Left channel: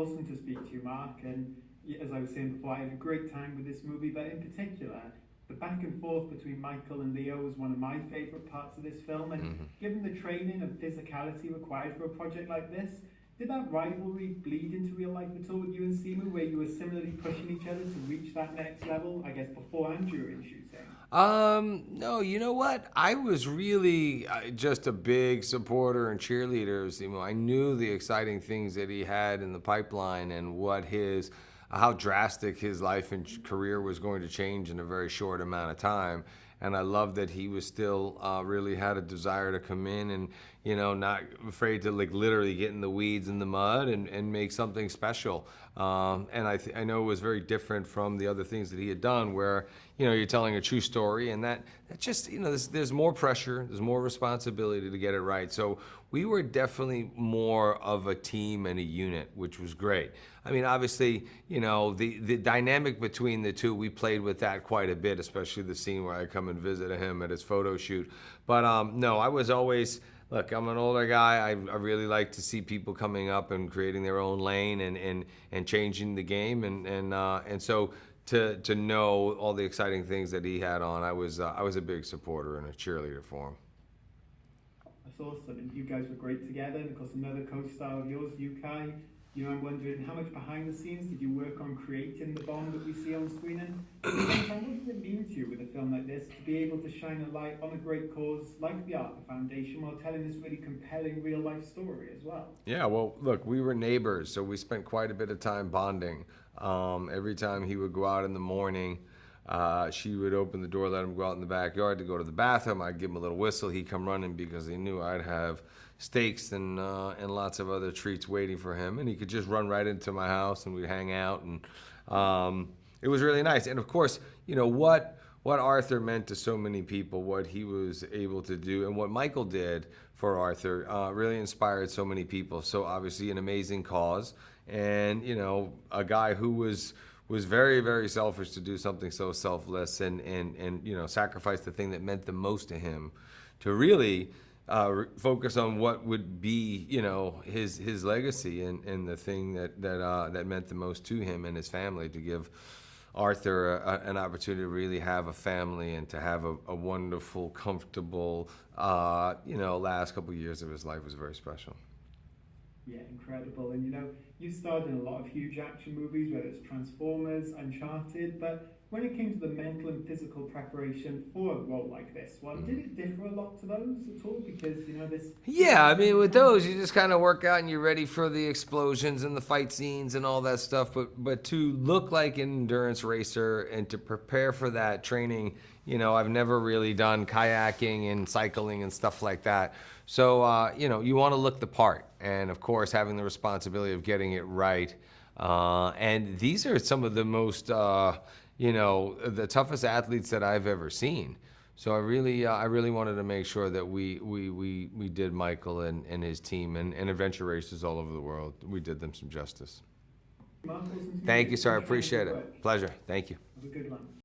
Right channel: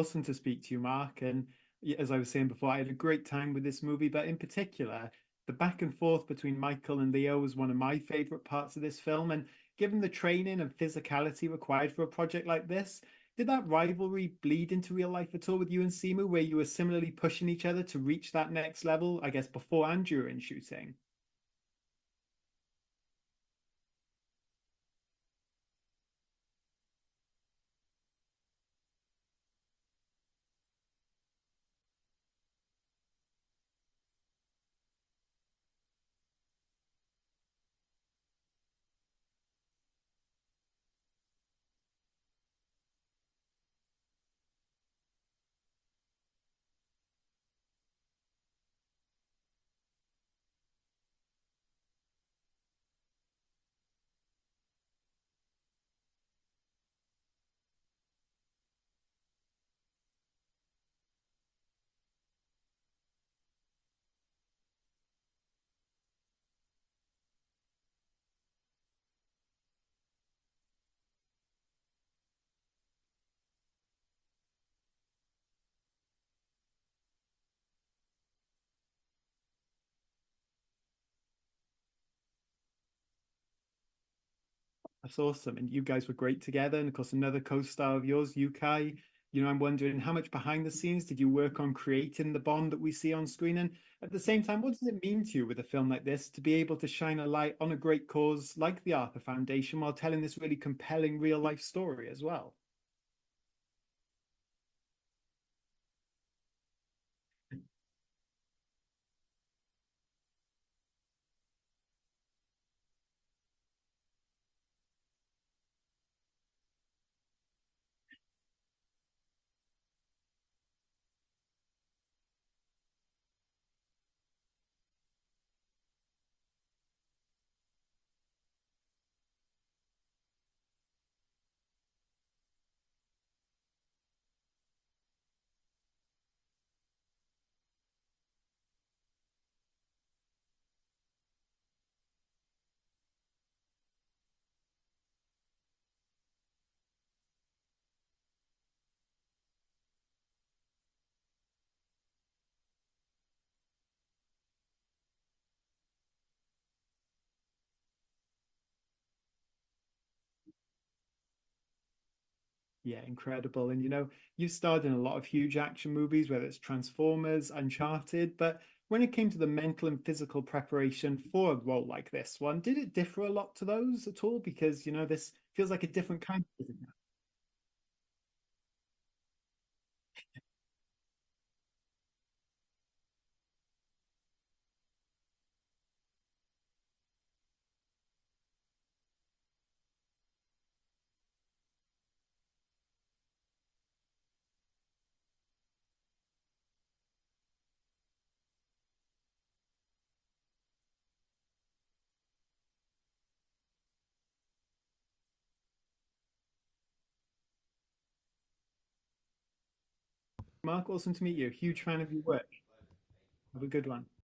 awesome to speak to you, Mark. And as I was saying before, I had a great time with this movie, but in particular, the back and forth between Michael and Leo was one of my favorite parts of this film. And Hmm. given the training and physicality required for a project like this, did that rivalry bleed into real life at all with you and Simu, where you were similarly pushing each other to reach that next level, I guess, before and during shooting? No, you know what? I was really just a big supporter and cheerleader of Simo. I knew the exciting things that he had in the pipeline and what his, how drastic his life and career was going to change in a very short amount of time. And I love that he was still really had a desire to come in and, not afraid to like literally get in the weeds in the mud and make something special. And I know it was very different from the other things that he had done where, you're telling a true story, and that just, there's more pressure, there's more responsibility to get it right. So we were definitely more of a team and a unit, which was great. I mean, obviously, the dynamic between the two, we played with that quite a bit, especially the scene where I come and visit him at his photo shoot. But no, I was always, look, I'm an older guy. I really like to see people coming up and creating their own lane and changing the game. And so to know all the exciting things that he had on, I was a big supporter and a cheerleader for him. That's awesome. And you guys were great together. And of course, another co-star of yours, Yukai. I'm wondering how much behind the scenes did you work on creating the bond that we see on screen? And at the same time, what does it mean to you with a film like this to be able to shine a light on a great cause like the ARPA Foundation while telling this really compelling real life story as well? Yeah, well, look, we were neighbors, so we spent quite a bit of time bonding. Every time he would go out in the morning, she would open the door, let him go out in the backyard to go to the bathroom. I'd give him a little whistle. He'd come running because he knew I'd have steaks and lots of other treats waiting for him. And he could just run right into my house and we'd hang out. And it was really nice. And of course, what Arthur meant to so many people, what he was able to do, and what Michael did for Arthur really inspired so many people. So obviously, an amazing cause, and a guy who was very, very selfish to do something so selfless and sacrifice the thing that meant the most to him to really focus on what would be his legacy and the thing that meant the most to him and his family, to give Arthur an opportunity to really have a family and to have a wonderful, comfortable, last couple of years of his life was very special. Yeah, incredible. And you've starred in a lot of huge action movies, whether it's Transformers, Uncharted, but when it came to the mental and physical preparation for a role like this one, did Mhm. it differ a lot to those at all? Because, this feels like Yeah, a I mean, different with kind of those, you movie. just kind of work out and you're ready for the explosions and the fight scenes and all that stuff. But to look like an endurance racer and to prepare for that training, I've never really done kayaking and cycling and stuff like that. So, you want to look the part, and of course, having the responsibility of getting it right. And these are some of the most, the toughest athletes that I've ever seen. So I really wanted to make sure that we did Michael and his team and adventure racers all over the world. We did them some justice. Mark, awesome to meet Thank you. you, sir. I Huge fan of your appreciate it. work. Pleasure. Thank you. Have a good one.